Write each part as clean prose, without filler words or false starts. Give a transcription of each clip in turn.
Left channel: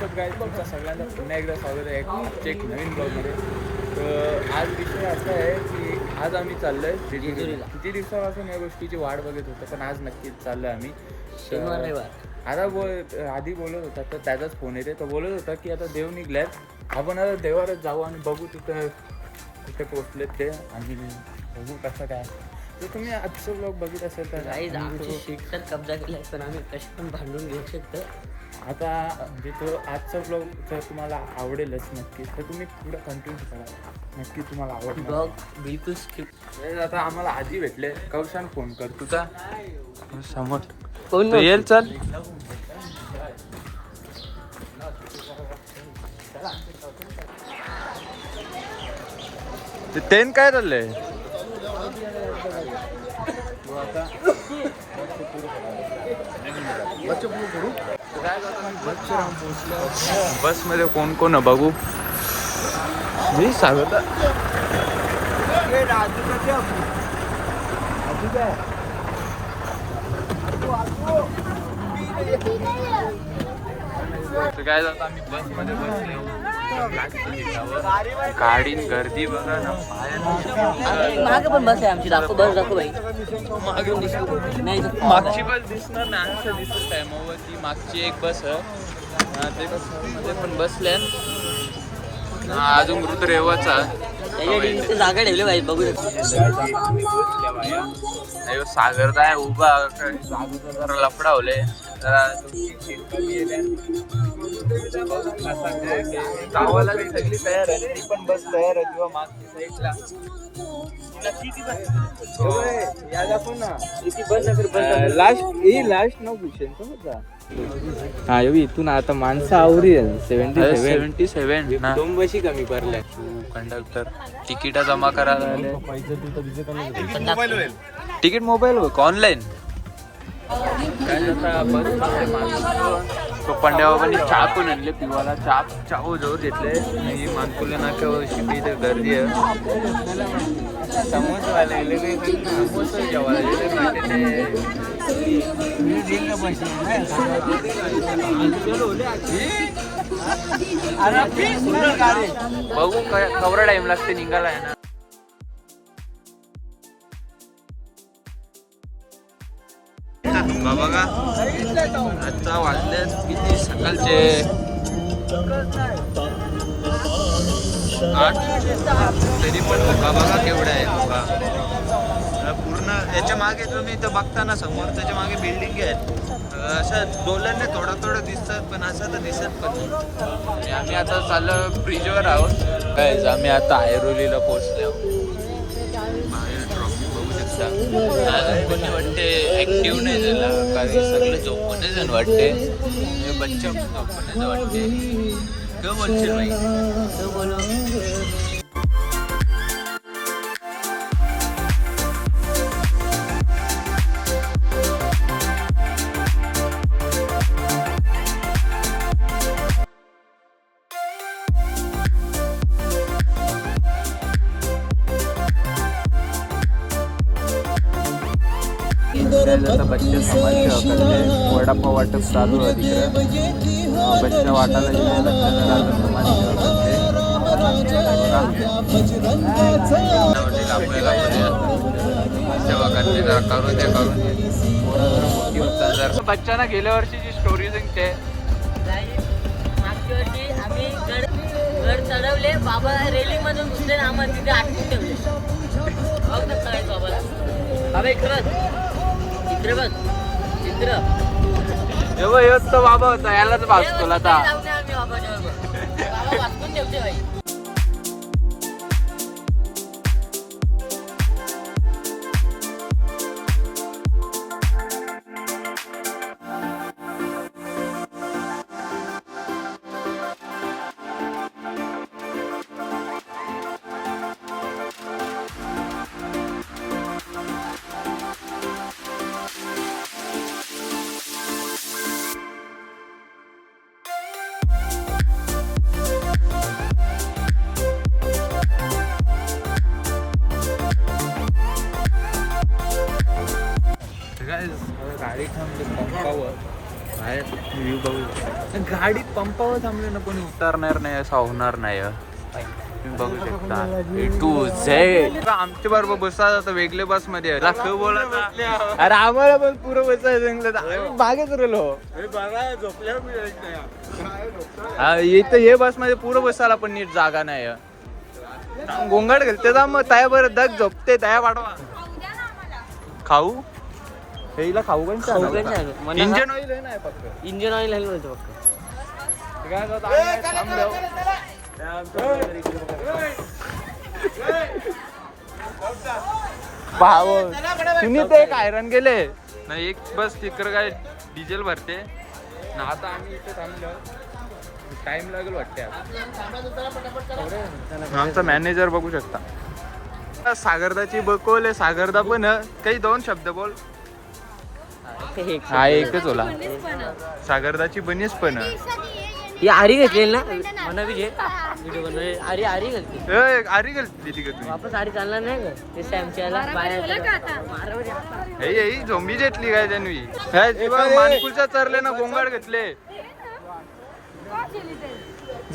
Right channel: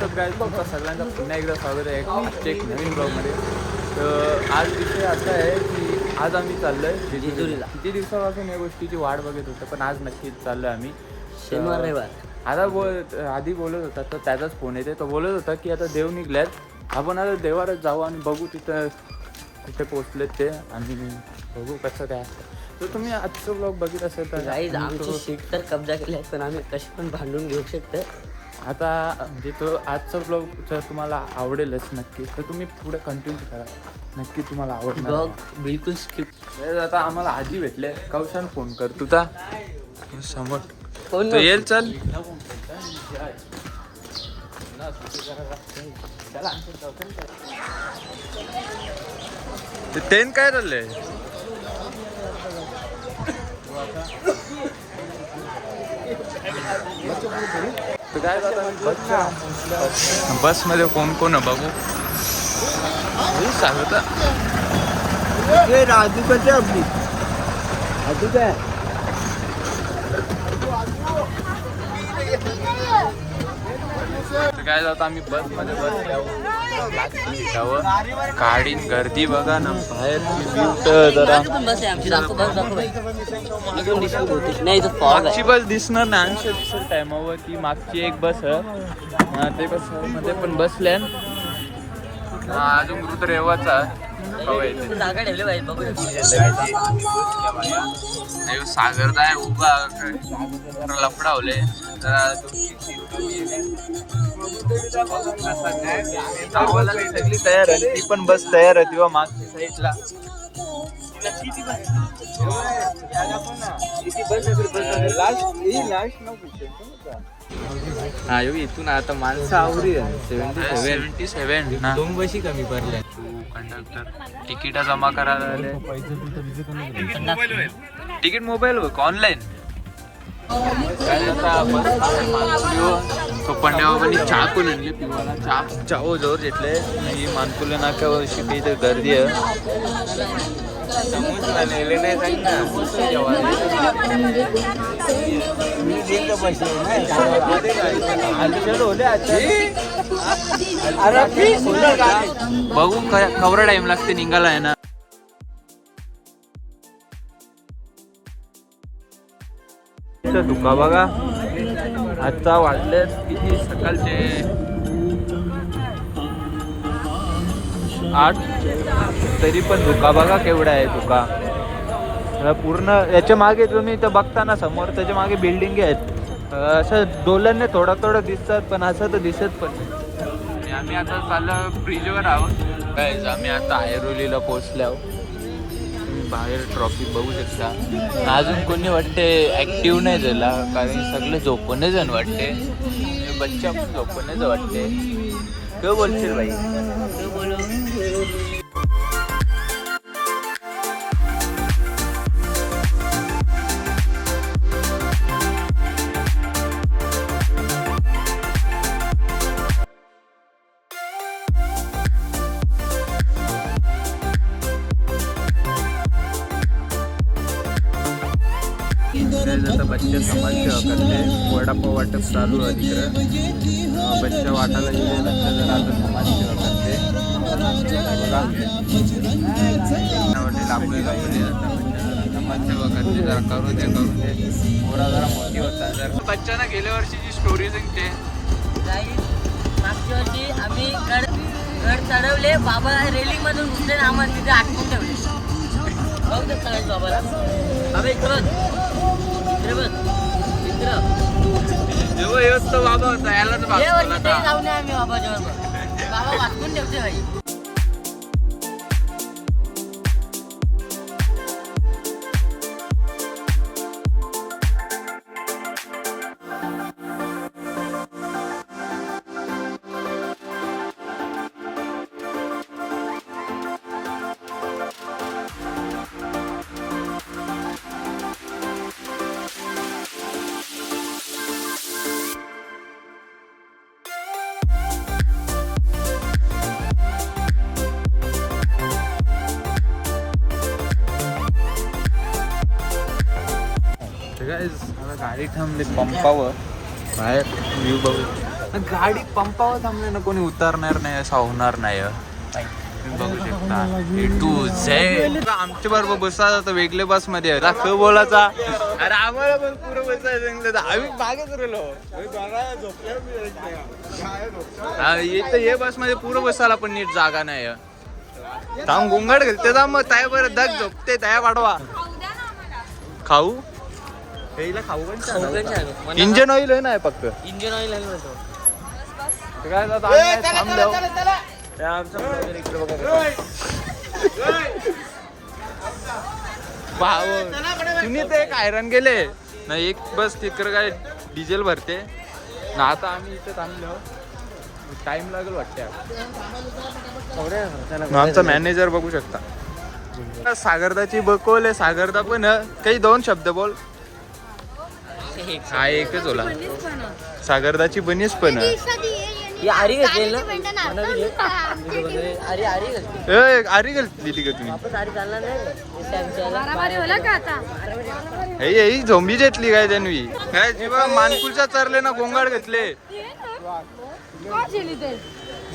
WhatsApp guys, तुमचा सगळ्यांचा पुन्हा एकदा स्वागत आहे आजच्या एक नवीन ब्लॉगमध्ये. तर आज विषय असा आहे की आज आम्ही चाललो आहे जेजुरीला. किती दिवसापासून या गोष्टीची वाट बघत होतो, पण आज नक्कीच चाललो आहे आम्ही. आता आधी बोलत होता तर त्याचाच फोन येते. तो बोलत होता की आता देव निघल्यात, आपण आता देवारच जाऊ आणि बघू तिथं कुठे पोचलेत ते आणि बघू कसं काय असतं. तर तुम्ही आजचं ब्लॉग बघित असेल तर आमची सीट तर कब्जा केली आहे, पण आम्ही कशी पण भांडून घेऊ शकतो. आता म्हणजे तो आजचा ब्लॉग जर तुम्हाला आवडेलच नक्की, तर तुम्ही पुढे कंटिन्यू करा, नक्की तुम्हाला आवडणार. ब्लॉग बिलकुल स्किप. आता आम्हाला आजी भेटले. कौशान फोन कर तुझा समोर तो येईल. चल ते तेन काय चाललंय. बस मध्ये कोण कोण आहे बघू. मी सांगत काय जातं आम्ही बस मध्ये बसल्यावर गाडीन गर्दी बघा ना बाहेर. मागची बस दिसणार ना, अंश दिसत टायमावर ती मागची एक बस ते मध्ये पण बसल्या. अजून मृत रेवाचा सागर आहे उभा जरा लफडावले जरा. सगळी तयार आहे, ती पण बस तयार आहे किंवा मागच्या साईडला इथून आता माणसं आवरी 77 ना. कंडक्टर तिकीट जमा करायला आले. Ticket mobile online. तो पंड्या बाबांनी चहा पण आणले पिवाला. चहा जोर घेतले नाही. मानकुले नाक्यावर शिटी इथे गर्दी आहे. बघू खवरा टाइम लागते निघाला आहे ना. धुका बघा आता वाजले किती सकाळचे 8. तरी पण धुका बघा केवढा आहे. धुका पूर्ण याच्या मागे तुम्ही इथं बघताना समोर त्याच्या मागे बिल्डिंग आहेत. असं डोलरने थोडं थोडं दिसतात, पण असं तर दिसत पण नाही. आम्ही आता चाललो ब्रिजवर आहोत. आम्ही आता ऐरोलीला पोहोचलो. बाहेर ट्रॉफिक बघू शकता. अजून कोणी वाटते ऍक्टिव्ह नाही झाला, कारण सगळे झोपूनच जण वाटते. बच्चा पण झोपूनच वाटते. काय बोलशील बाई. बोलो वडापाव वाटप चालू आहे. बच्चा वाटायला आपल्याला जरा करून द्या करून द्या. बच्चांना गेल्या वर्षीची स्टोरी सांगते. मागच्या वर्षी आम्ही गड चढवले. बाबा रेलिंग मधून घुसले, आम्हाला तिथे आटकून ठेवले. बघ ना काय बाबाला. बाबा इकडं चित्र बघ. चित्र जेव्हा बाबा होता याला जाऊन आम्ही बाबा जवळ. बाबा वाचून ठेवते भाई. गाडी थांबली पंपावर. बाहेर व्ह्यू बघू. गाडी पंपावर थांबले ना कोणी उतारणार नाही, असं होणार नाही. तुम्ही बघू शकता ए टू झेड. आमच्या बरोबर बसता तर वेगळे बस मध्ये ख बोलायचा. अरे आम्हाला पण पुरं बसायचं सांगितलं तर आम्ही मागेच राहिलो. इथं हे बस मध्ये पुरं बसायला पण नीट जागा नाही. थांब गोंगाट घालते जा मग त्या बरं दग झोपते तया पाठवा. खाऊ हेला खाऊ पण इंजन ऑइल आहे ना फक्त. इंजिन ऑइल काय थांब जाऊ. पाहाव तुम्ही ते हैराण गेले ना. एक बस तिकडे काय डिझेल भरते ना. आता आम्ही इथे थांबलो, टाइम लागेल वाटते. आमचा मॅनेजर बघू शकता. सागरदाची बकवले. सागरदा पण काही दोन शब्द बोल. हा एकच बोला. सागरदाची बनीस पण आरी घेतलेली ना व्हिडिओ बनवले. आरी घालली ती का तुम्ही? ही झोंबी घेतली काय त्यांनी? काय जीवा मानकुलचा चरले ना गोंगाड घेतले.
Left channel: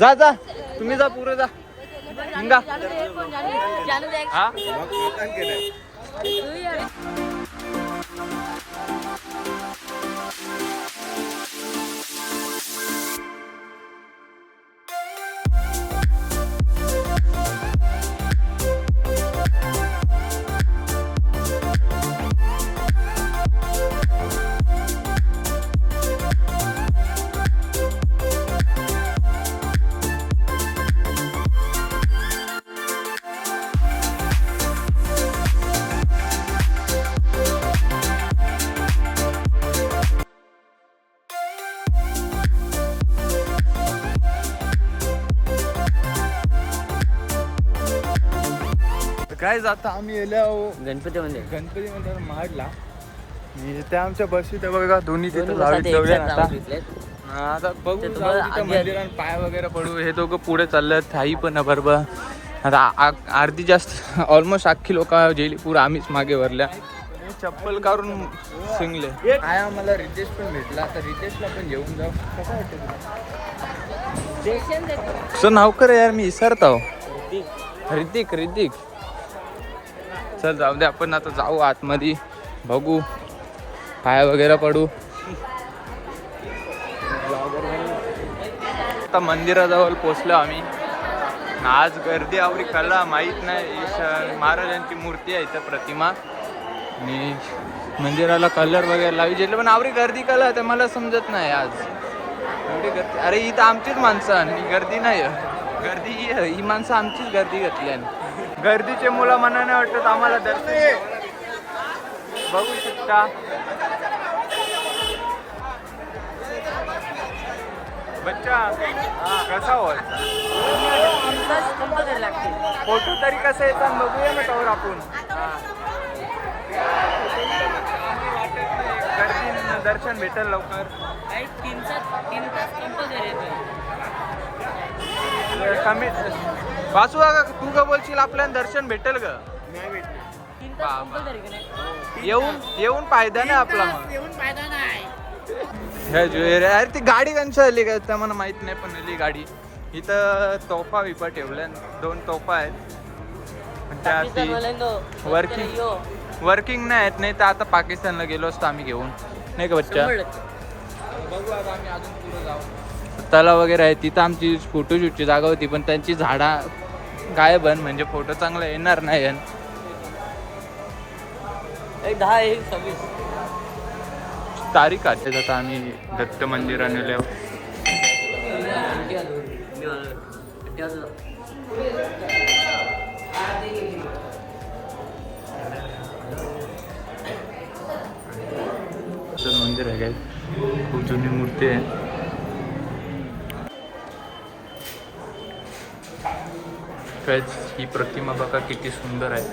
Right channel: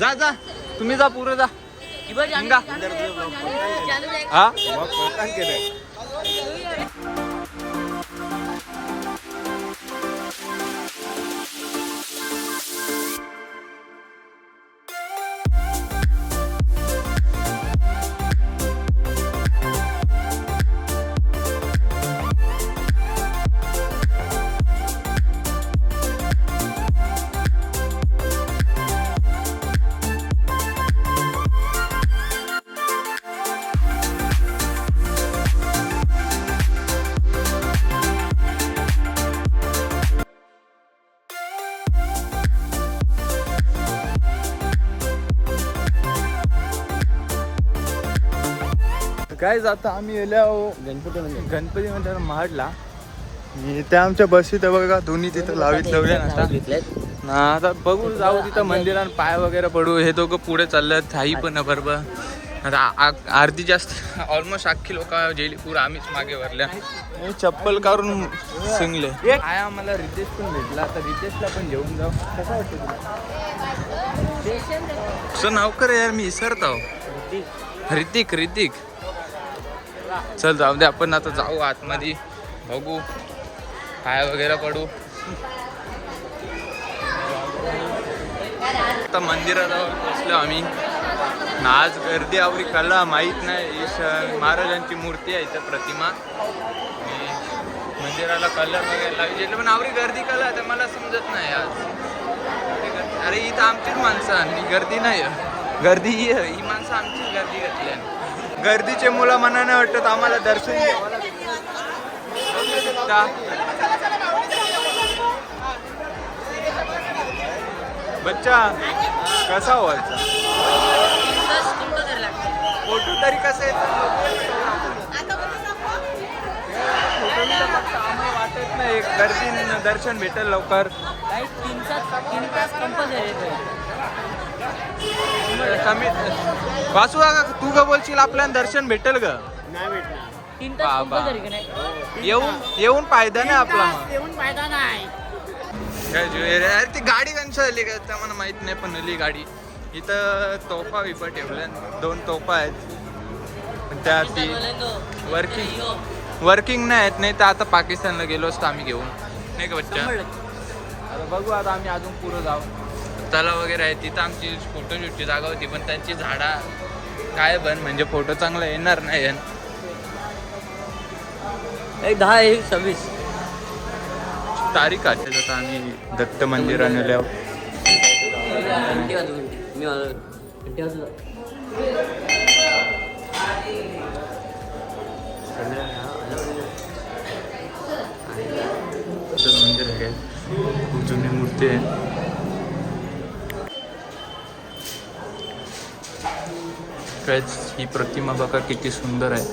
जा जा तुम्ही जा पुरे जा. हिंगा हा काय जाता आम्ही गणपती मंदिर महाडला. त्या आमच्या बस इथं बघा दोन्ही तिथं लावल्या ना. आता बघू जाऊ तिथं मंदिरात पाय वगैरे पडू. हे दोघं पुढे चाललं थाई पण बरोबर. आता अर्धी जास्त ऑलमोस्ट अख्खी लोक गेली पूर. आम्हीच मागे भरल्या. चप्पल काढून सिंगले. काय आम्हाला रितेश पण भेटला. आता रितेशला पण घेऊन जाऊ. कसं वाटतं तुला? तुझं नाव कर यार मी विसरतो. ऋतिक. चल जाऊ दे आपण आता जाऊ आतमध्ये बघू पाय वगैरे पडू. आता मंदिराजवळ पोचलो आम्ही. आज गर्दी आवरी कला माहीत नाही. महाराजांची मूर्ती आहे इथं प्रतिमा. मंदिराला कलर वगैरे लावी पण आवरी गर्दी कला तर मला समजत नाही आज. अरे इथं आमचीच माणसं आणि गर्दी नाही. गर्दी ही माणसं आमचीच गर्दी घेतली. गर्दीचे मुलं मनाने वाटत आम्हाला दर्शन घ्यावं. बघू शकता बच्चा कसा व्हायचा. फोटो तरी कसा येतात बघूया ना टवर आपण. फोटो वाटत नाही गर्दी दर्शन भेटेल लवकर. 3 तास कंपल्सरी कमी वासू का तू का बोलशील आपल्याला दर्शन भेटेल ग? नाही भेटणार. बाबा येऊन फायदा नाही आपला. मग येऊन फायदा नाही. अरे ती गाडी कंच आली का त्या मला माहित नाही पण आली गाडी. इथं तोफा विपा ठेवल्या. 2 तोफा आहेत पण त्या ती वर्किंग नाही आहेत. नाही तर आता पाकिस्तानला गेलो असतो आम्ही घेऊन नाही का बच्चा. बघू आता आम्ही अजून पुढे जाऊ. तलाव वगैरे आहे तिथं. आमची फोटो शूटची जागा होती पण त्यांची झाडा गायब म्हणजे फोटो चांगला येणार नाही. 10-26 तारीख आहे. आता आम्ही दत्त मंदिराने मंदिर आहे. खूप जुनी मूर्ती आहे. ही प्रतिमा बघा किती सुंदर आहे.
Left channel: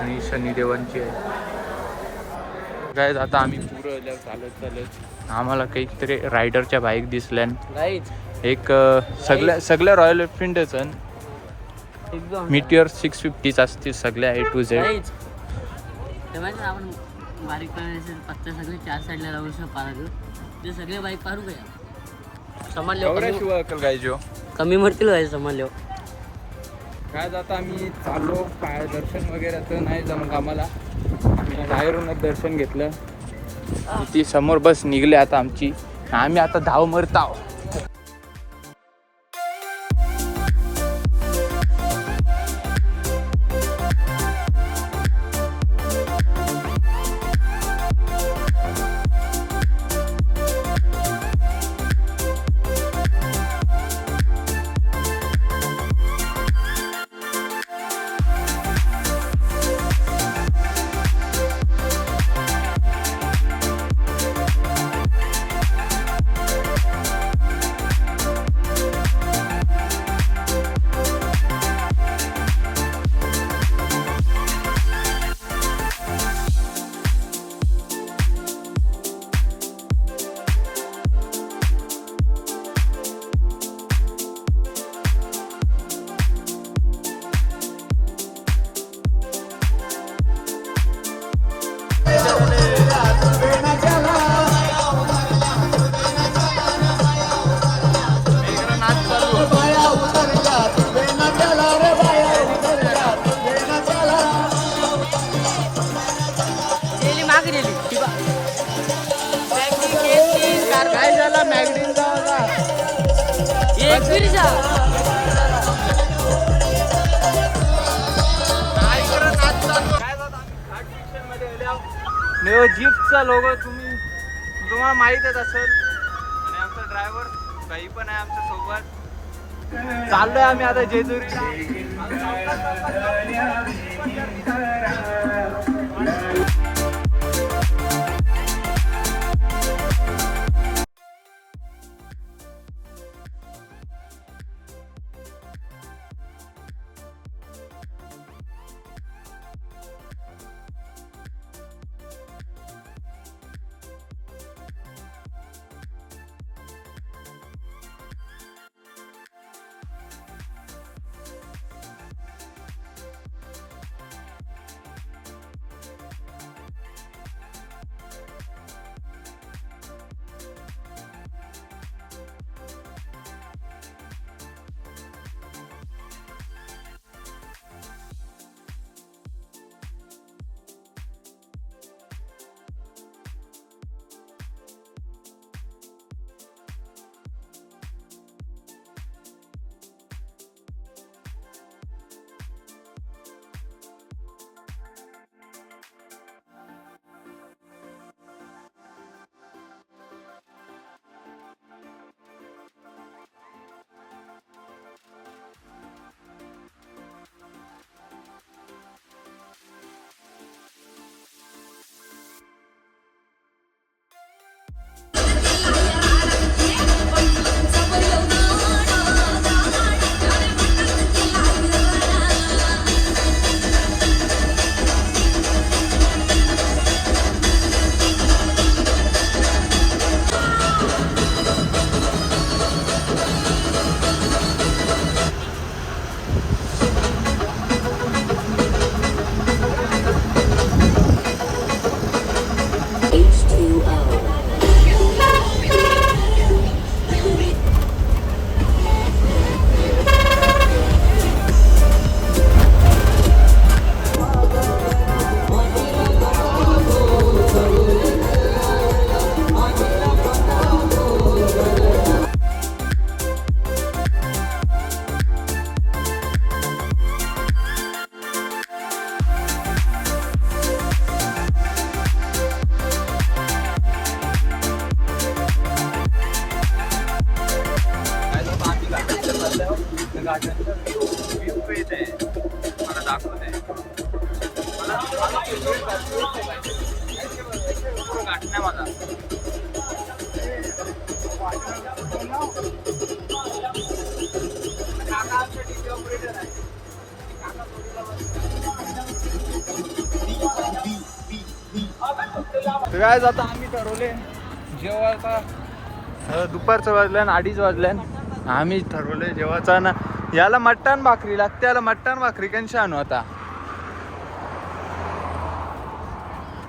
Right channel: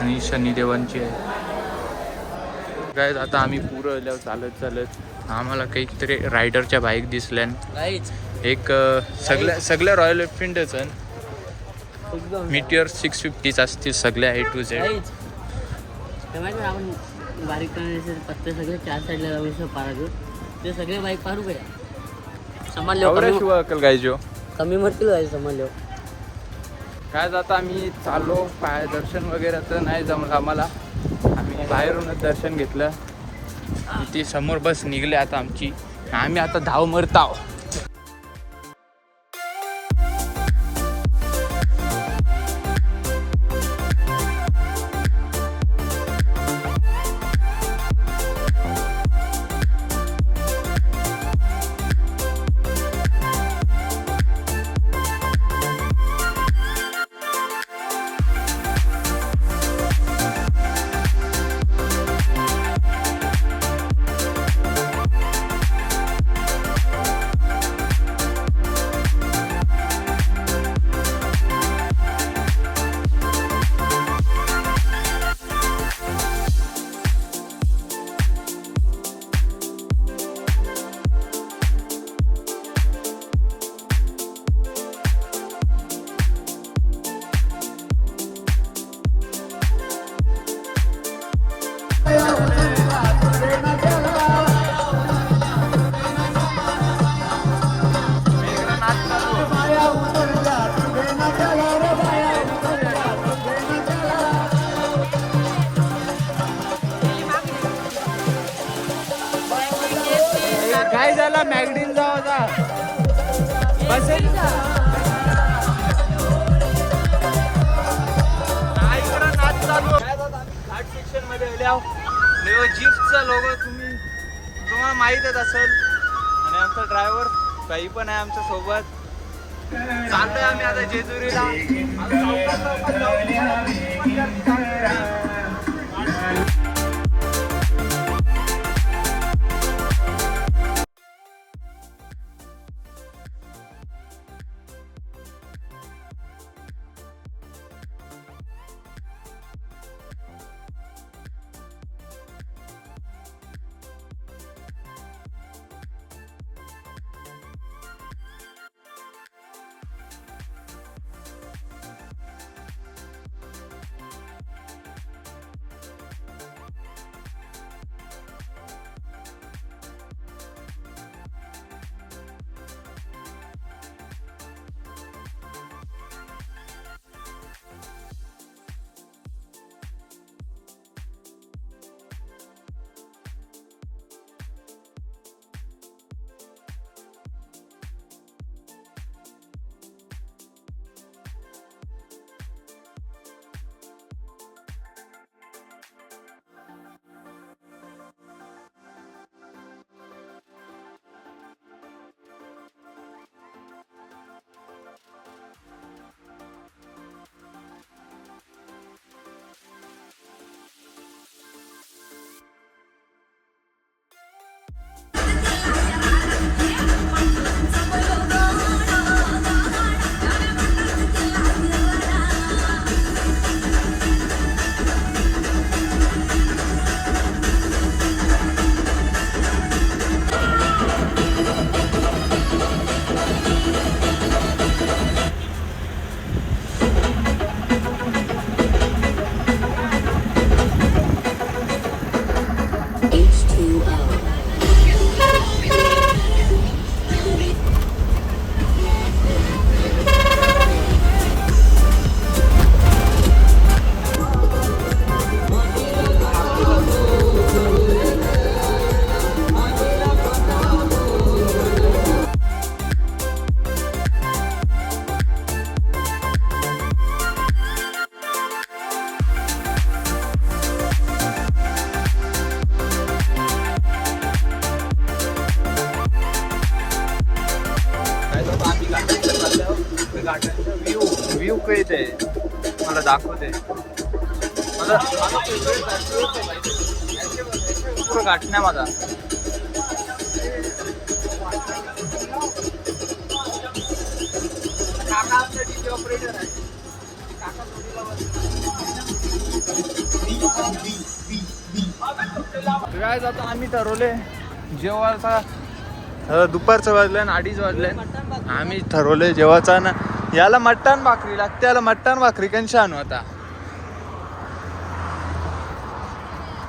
आणि शनिदेवांची आहे. काय आता आम्ही पुरं चालत आम्हाला काहीतरी रायडरच्या बाईक दिसल्या. एक सगळ्या रॉयल एनफिल्डच मिटियर 650 असतील सगळ्या A to Z. आपण बारीक पत्ते सगळे 4 साईडला लावू शकतो. ते सगळे बाईक पाडू का सामान कवऱ्याशिवाय अक्कल काय जो कमी म्हटलं काय सामान काय जाता आम्ही चाललो काय दर्शन वगैरे तर नाही जमलं आम्हाला. आम्ही बाहेरूनच दर्शन घेतलं. ती समोर बस निघली आता आमची. आम्ही आता धाव मरताव. जीपचा लोगो तुम्हाला माहीतच असेल. आणि आमचा ड्रायव्हर काही पण आहे आमच्या सोबत. चाललोय आम्ही आता जेजुरीला. व्ह्यू काही ते मला दाखवते. मला गाठण्या माझा काय जाता आम्ही ठरवले जेव्हा दुपारचं वाजल्यान 2:30 वाजल्यान आम्ही ठरवले जेव्हाचा ना याला मटण भाकरी लागते. याला मटण भाकरी कशी आणू आता.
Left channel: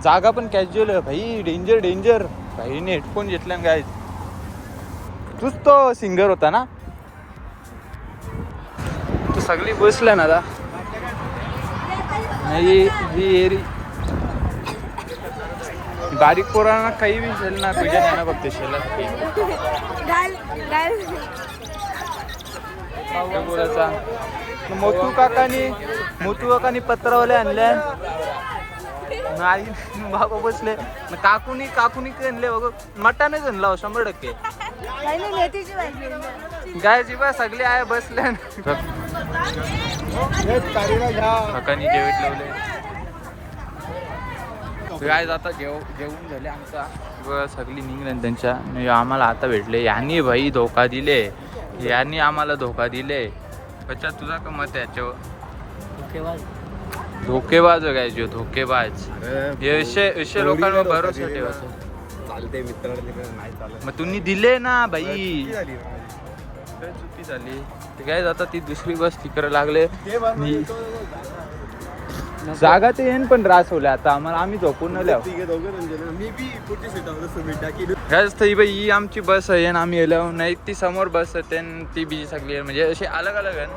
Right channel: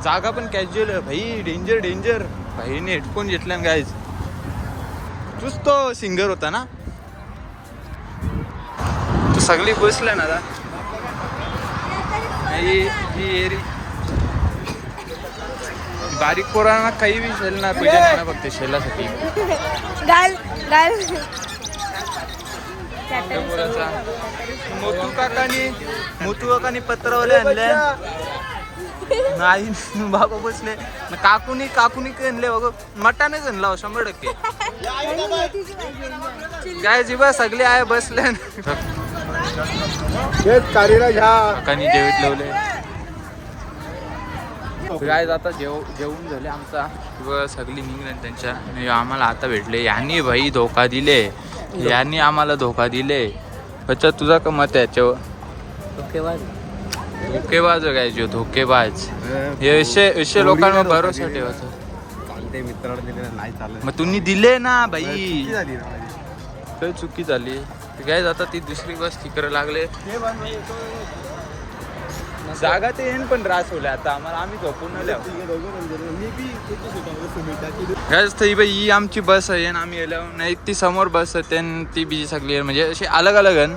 जागा पण कॅज्युअल आहे भाई. Danger danger. भाईने हेडफोन घेतला ना गाईज. तूच तो सिंगर होता ना, तू सगळी बसला ना. बारीक पोरांना काही बी शेल ना पूजन आहे ना फक्त शेलासाठी. पोराचा मोतू काकानी पत्रावले आणले नाही. बाबा बसले काकुनी आणले बघ. मटानेच आणला 100%. गाय जीवा सगळे आहे बसले. काकानी जेवत लावले. काय आता जेवून झाले आमचा व सगळी निघले त्यांच्या. आम्हाला आता भेटले. यांनी भाई धोका दिले. यांनी आम्हाला धोका दिले. अच्छा तुझा का मत आहे याच्यावर? धोकेबाज काय जो धोकेबाज असे लोकांवर भरोसा ठेवायचा. चालते मित्राला नाही चालत. मग तुम्ही दिले ना भाई. चुकी झाली. काय आता ती दुसरी बस तिकडे लागले. जागा ते येईन पण रास होले आता आम्हाला. आम्ही झोपून ही आमची बस आहे. आम्ही येलो नाही. ती समोर बस आहे ती बीजी सगळी म्हणजे अशी अलग अलग आहे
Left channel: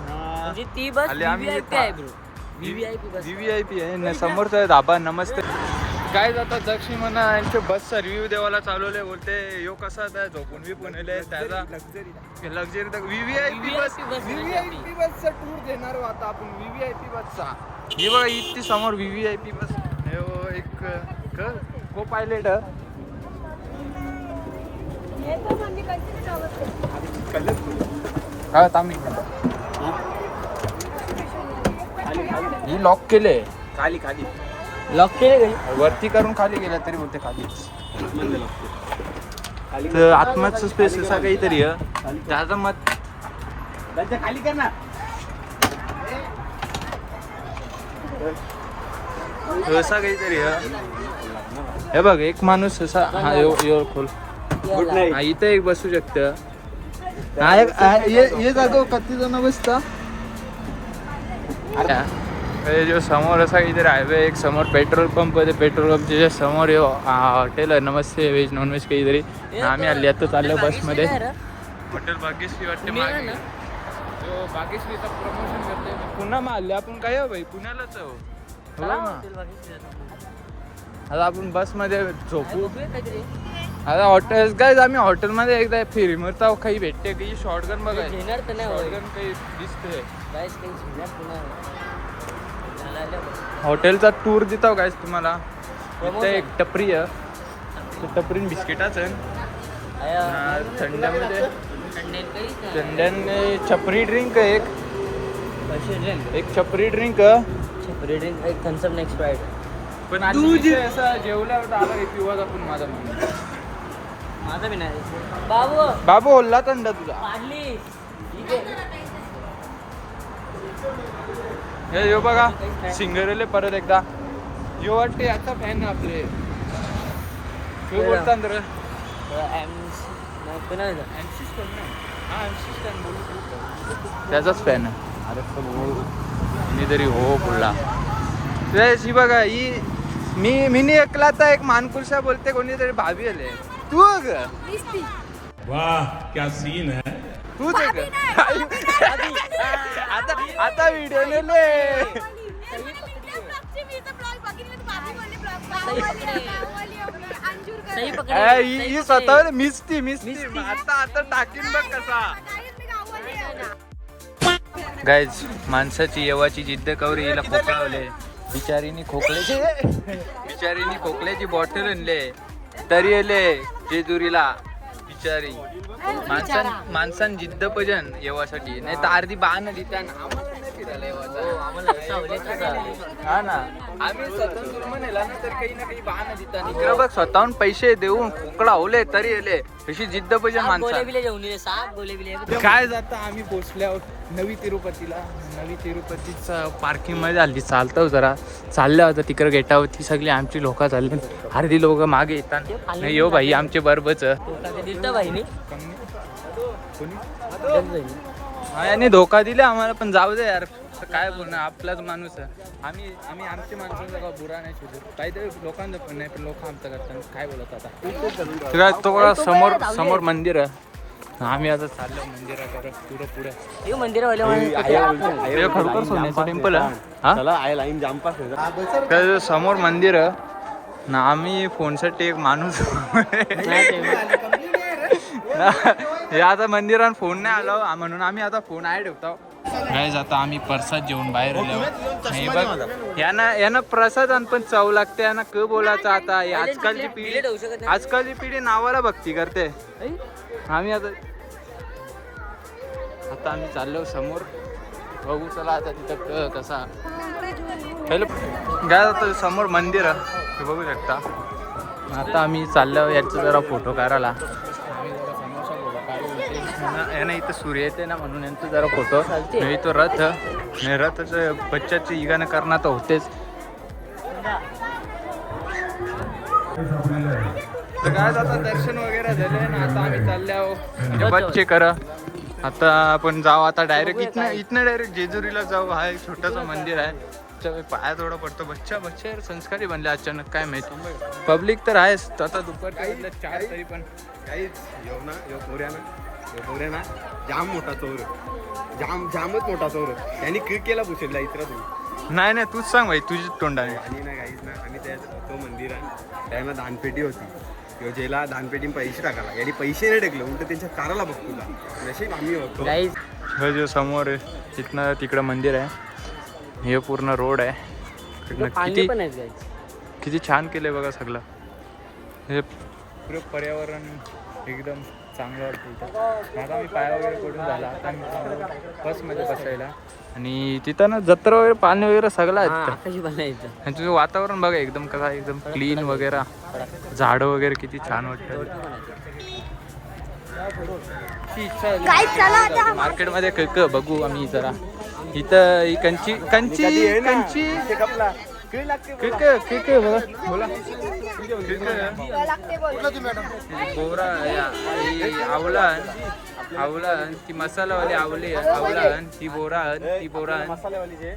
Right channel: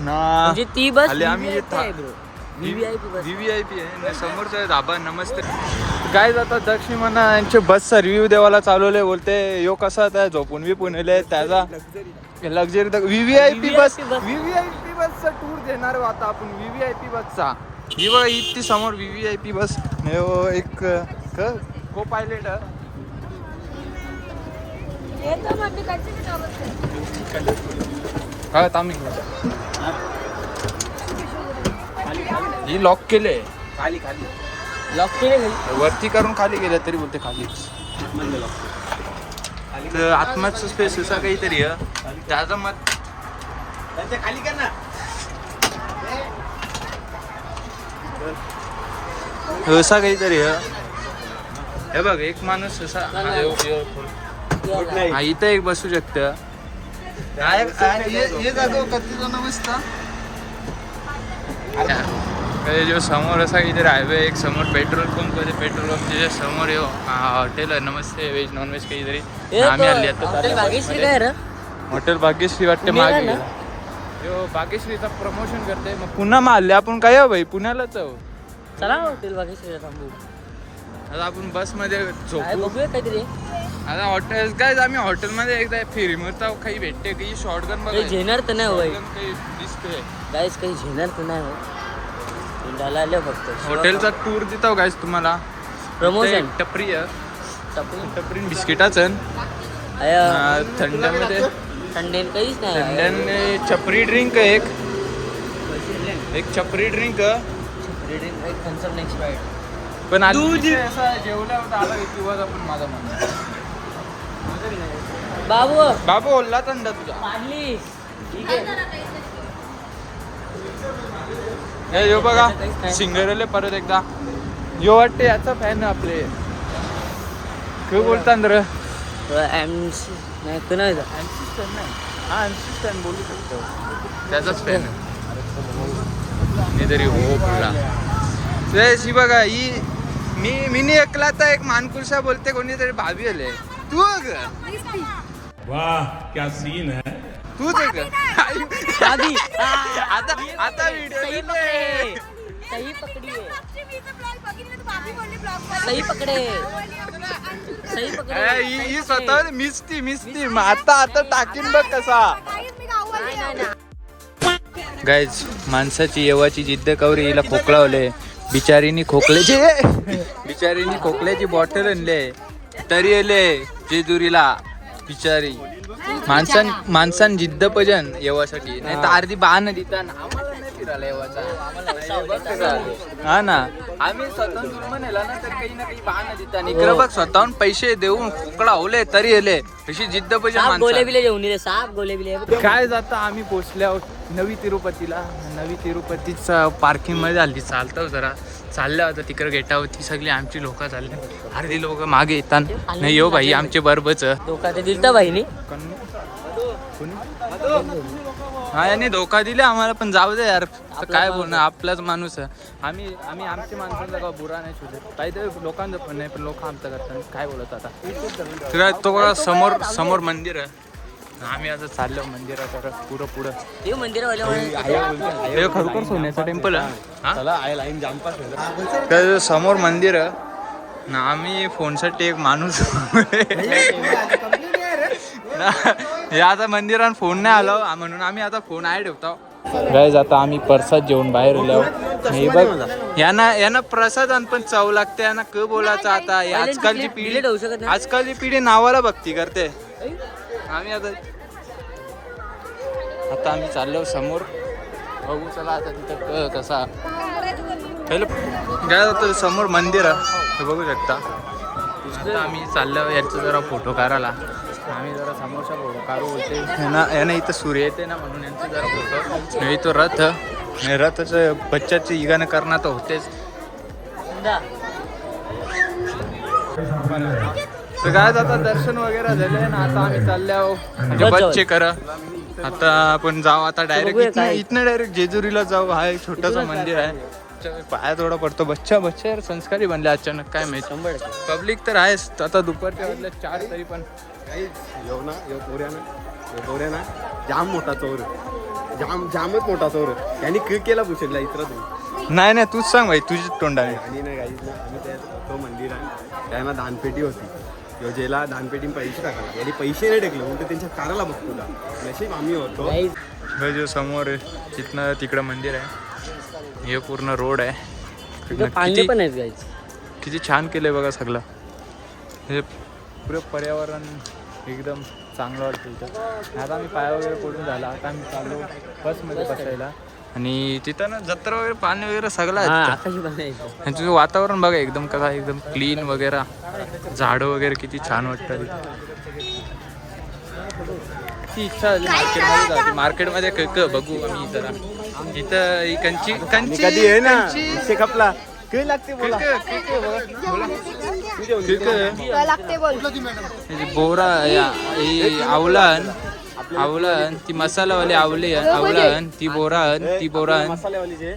ना. ती बस आम्ही VVIP आहे. समोरचा धाबा. नमस्ते काय आता दक्षिण म्हणा यांचे बसचा रिव्ह्यू देवाला चालवले. बोलते यो कसा त्या झोपून बिपून येले त्याचा लक्झरी VVIP बसचा टूर देणार आता आपण. VVIP बसचा ही बघा इतकी समोर VVIP बस. एक को पायलट हा तामिक ही लॉक केले. वरती करून खाली गेल्या तरी बोलते खाली. तर आत्माचं स्पेस असा काहीतरी त्याचं मत खाली करणार. असा काहीतरी हे बघ. एक माणूस असा हा इथं एक बसू शकतं. हे जागो किती जण बसता. जो समोर असा काहीतरी हायवे. एक समोर पेट्रोल पंप आहे. पेट्रोल पंप त्याच्या समोर हॉटेल आहे. नमस्ते व्हेज नॉनव्हेज काहीतरी. आम्ही आले हॉटेल भाग्यश्री वाटते मागे. भाग्यश्रीचा प्रमोशन करते. मग पुन्हा मारले आपण काय हो भाई पुण्यालाच आहो. आता आपण बस मध्ये झोपू आता. हॉटेल काय आम्ही हॉटेलमध्ये एकदा फिरी मरता काही भेटते काही शॉर्टगन बघा. झेनर तर नाही शॉर्टगन काही दिसते गाईस. काही झेनर तर नाही फक्त. हॉटेलचा टूर देतो गाईस तुम्हाला. प्रमोशन टपरी टपरी बिस्किटाचं थंड्यामध्ये. थंड्याने छपरी ड्रिंक एक छपरी ड्रिंक पण जेवलं होतं आला आपण. माझा बाबू ओल्ला थंड तुझा. यो बघा सिंगरले परत एकदा यो वाटते याचा फॅन आपले. बोलता त्याचाच फॅन मी तरी हो पुढला. ही बघा ही मी एकला तर एक मानकुलशा बोलते कोणीतरी भाभी आले. तू वाह क्या सीन है. तूच आता व्हिडिओ ही स्वतः मिसती आता टाकीन बघ कसा. गाईज माणसाची येवाची जिद्द कवरी. हिला खोकलावले बिचारीनी खोकल्याची बॉटल आणले तरी आले जेजुरीला बिचारी. माणसां जिद्द पजन येवासाठी नाही तर अर्धी बाण देता आम्हाला नाही फिरायला येवाचा. हा ना आम्ही स्वतःहून दुर्मनेला ना तर काही ना काही बाण देता. इकडं बघ स्वतःहून पैसे देऊन खोकला होले तरी आले. अशी जिद्द पजन माणसं. काय जाता आम्ही पोचल्यावर नवी तिरुपतीचा पार्किंग मध्ये आली. चालतो जरा चाललं होतं तिकडे गेटावरती. सगळी आमची लोक चालली. अर्धी लोक मागे येतात. नाही यो भाई आमचे बरोबरच हा यांनी धोका दिला आम्हाला, पण जाऊ दे यार, तर काय बोलणार, आपलाच माणूस आहे. आम्ही आमच्या माणसांचा का बुरा नाही शोधत, काहीतरी लोकांचं पण नाही, पण लोक आमचं करतात, काय बोलत आता. तर तो बघा समोर मंदिर आहे, आम्ही आता चाललो मंदिराकडे पुढं. हे मंदिर हे खरोखर सोन्याचं टेम्पल आहे हा. तर समोर मंदिर आहे ना, आम्ही फोनसाठी एक माणूस हे आता मंदिरात फोन नाही आला म्हणून आम्ही आता फोन आहे ठेवतो. गाईज आता आम्ही प्रसाद जेवून बाहेर गेलो. हे बघ यांना प्रसाद पण चव लागते, यांना क बोलायचं आता. आजकालची पिढी नावाला भक्ती करते. आम्ही आता आम्ही चाललो समोर, बघू चला आता तिथं कसा. हॅलो गाईज आता समोर मंदिर आहे हे बघू शकता. आता आम्ही चाललो याचा जरा फोटो काढायला. आम्ही जरा समोरचा फोटो काढू यानं इथं सूर्य येते ना म्हणून यांचं जरा फोटो. नाही तो रथाचं बच्चाची इगानं करणार तर होतेच. तर काय आता दर्शन वगैरे झाले ना, आता आम्ही चाललो म्हणजे बच्चे करा. आता आपण जाऊ आता डायरेक्ट इथनं डायरेक्ट जेजुरीला जाऊ. हा एक छोटंसं मंदिर आहे, पाया थोडा पडतो. बच्चा संस्कारी बनले अचानक, काय माहिती. पब्लिक तर आहेच आता दुपारच्या वेळेला 4 तरी पण काहीच ना जाम मोठा चोर, जामच मोठा चोर. त्यांनी केला पुसेला इतर तू नाही तूच सांग भाई, तुझी तोंडाने. आणि नाही काहीच ना, आम्ही तो मंदिर आहे त्यांना दानपेटी होती, योजेला दानपेटीने पैसे टाकायला, यांनी पैसे नाही टाकले, उलट त्यांच्या काराला बघतो का नशीब आम्ही होतो. हे जो समोर आहे तिथनं तिकडं मंदिर आहे, हे पूर्ण रोड आहे. किती छान केलंय बघा सगळं. हे पुरे पर्यावरण एकदम चांगलं वाटतं इथं. आता आम्ही पाय वगैरे पडून झाला, आता आम्ही चाललो बसमध्ये बसायला. आणि तिथं ना जत्रा वगैरे पाणी वगैरे सगळं आहे. तुझं वातावरण बघा एकदम कसा, एकदम क्लीन वगैरे, झाडं वगैरे किती छान वाटतं. ती इच्छा झाली मार्केटमध्ये बघू आम्ही जरा. इथं कंची बोरा आवलन ती मसालावाली आवलन ती बोरान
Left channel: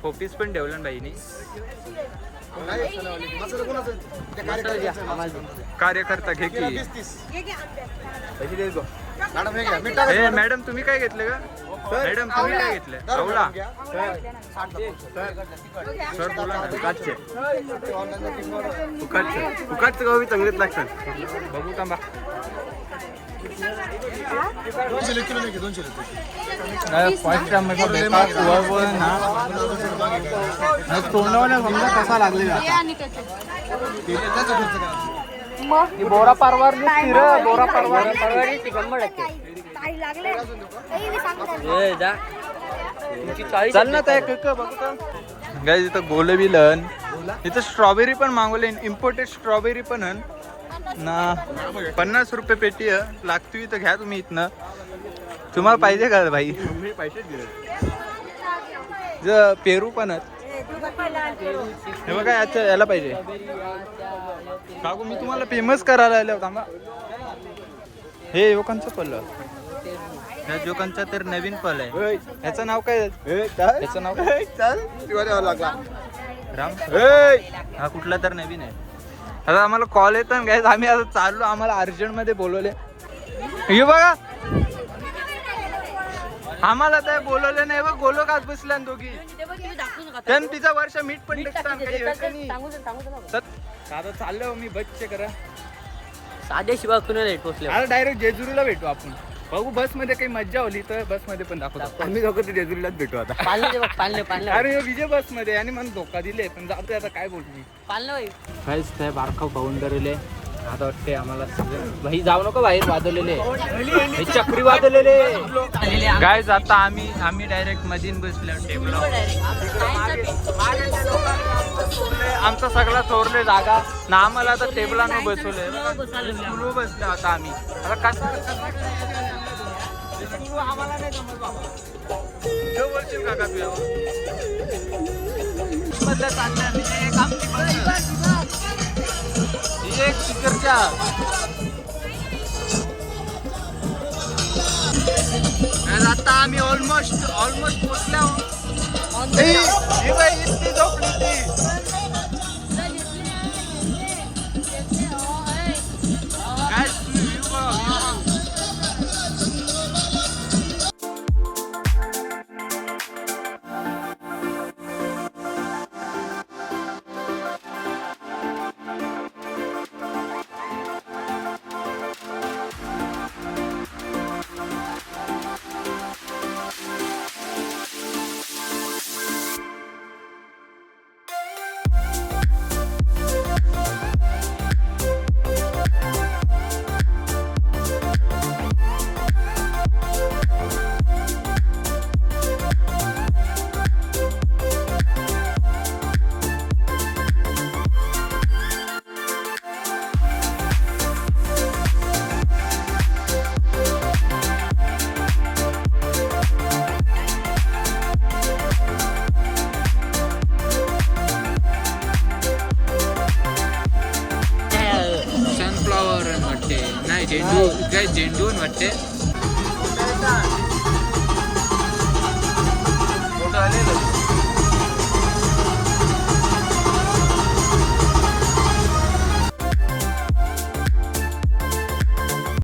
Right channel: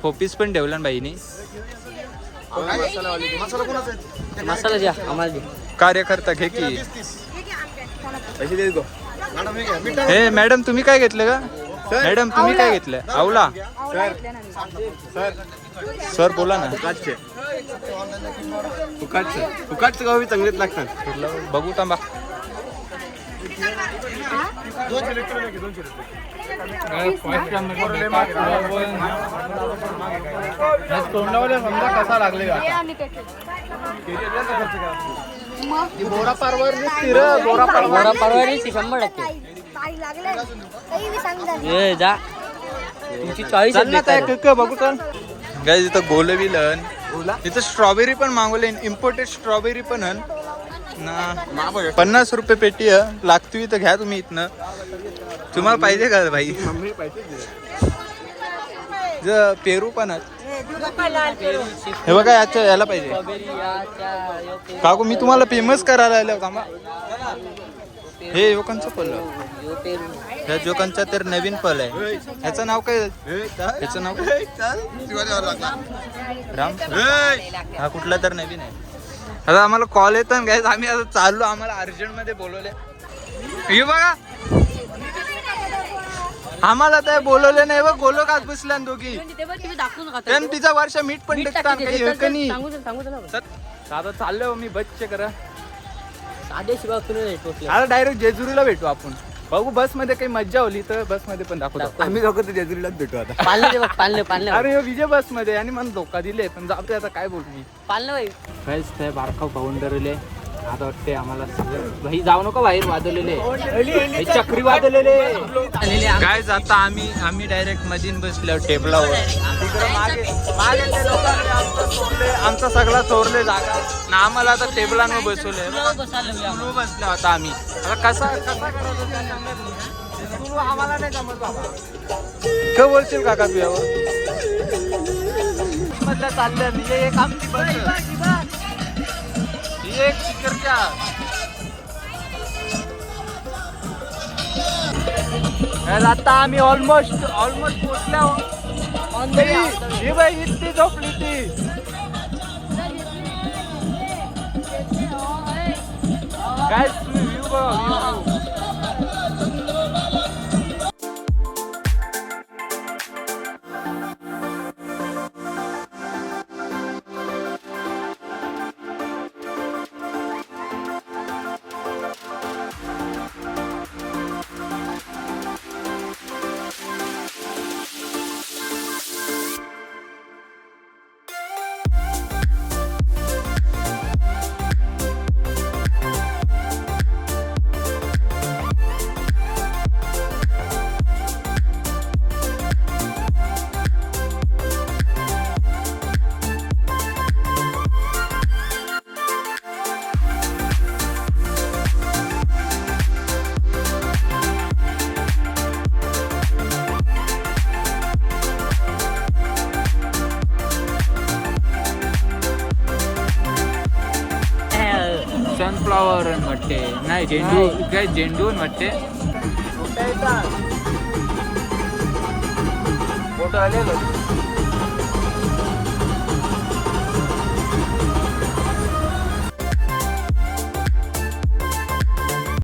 पोपीस पण ठेवला बाईनी. कार्यकर्ता घे की. हे मॅडम तुम्ही काय घेतलं का? मॅडम तुम्ही काय घेतलं? आवला सर बोला ना. फुकाटचं गावी चांगलेच लागतात. बघू थांबा. तोंडावाल्या समजा कसा लागले बोरा पारवार स्थिर बोरा पारवार 100%. चल ना त्या बघू चल. गाईज इथं गोलविलन, इथं स्ट्रॉबेरी पण मागवले, इम्पोर्टेड स्ट्रॉबेरी पण ना. 50 रुपये पेटी लागतो. इथं घ्या तुम्ही इथनं. तुम्हाला पाहिजे का भाई? पेरू पण हे बघा याला पाहिजे काकू. मी तुम्हाला फेमस करायला आलो थांबा. हे योकांचं फल, ह्या जोकांचा तर नवीन फल आहे. ह्याचं नाव काय? ह्याचं नाव काय? राम. हा कुठला तर नवीन आहे. आता आम्हाला कॉल येतात गाईज, आम्ही आता चाललो. आम्हाला अर्जंटमध्ये बोलवले. हे बघा आम्हाला ते बोलवले नाही बघ. गोलो काच बसल्या दोघी. त्यानं तिचा वर्ष मीठ पण टाकतात काही. आता चाललो मी बसचे करा. आता डायरेक्ट जेजुरीला भेटू आपण. बघू बसमध्ये काही मज्जा होली तर बसमध्ये पण दाखवतो. आम्ही दोघं तर जेजुरीलाच भेटू आता. अरे विजय बसमध्ये आणि मला धोका दिले पण जातोय आता काय बोलू मी. काहीच ते बारकाव पाहून धरले. आता वाटते आम्हाला भाई जाऊ नको बाहेर. वाजवलेले चक्री वाजवलेले काय. जाता आम्ही डायरेक्ट मधीन बसलो टेबलावर. तिकडे मागे ते लोकांनी आमचा सगळा चोरले जागा ना. आम्हाला आता टेबलांवर बसवले बसलो आता आम्ही. आता कसं आम्हाला नाही जमत बाबा. काय बोलशील काका तू यावर? मधल्या चालल्या म्हणजे एक आमची बस एक स्पीकरच्या आता आम्ही ऑलमोस्ट पोचल्या. ही बाई इतकी झोपली ती. काय व्ह्यू बघा व्ह्यू. सनफ्लॉवर वाटते, नाही झेंडू, काय झेंडू वाटते. फोटो आले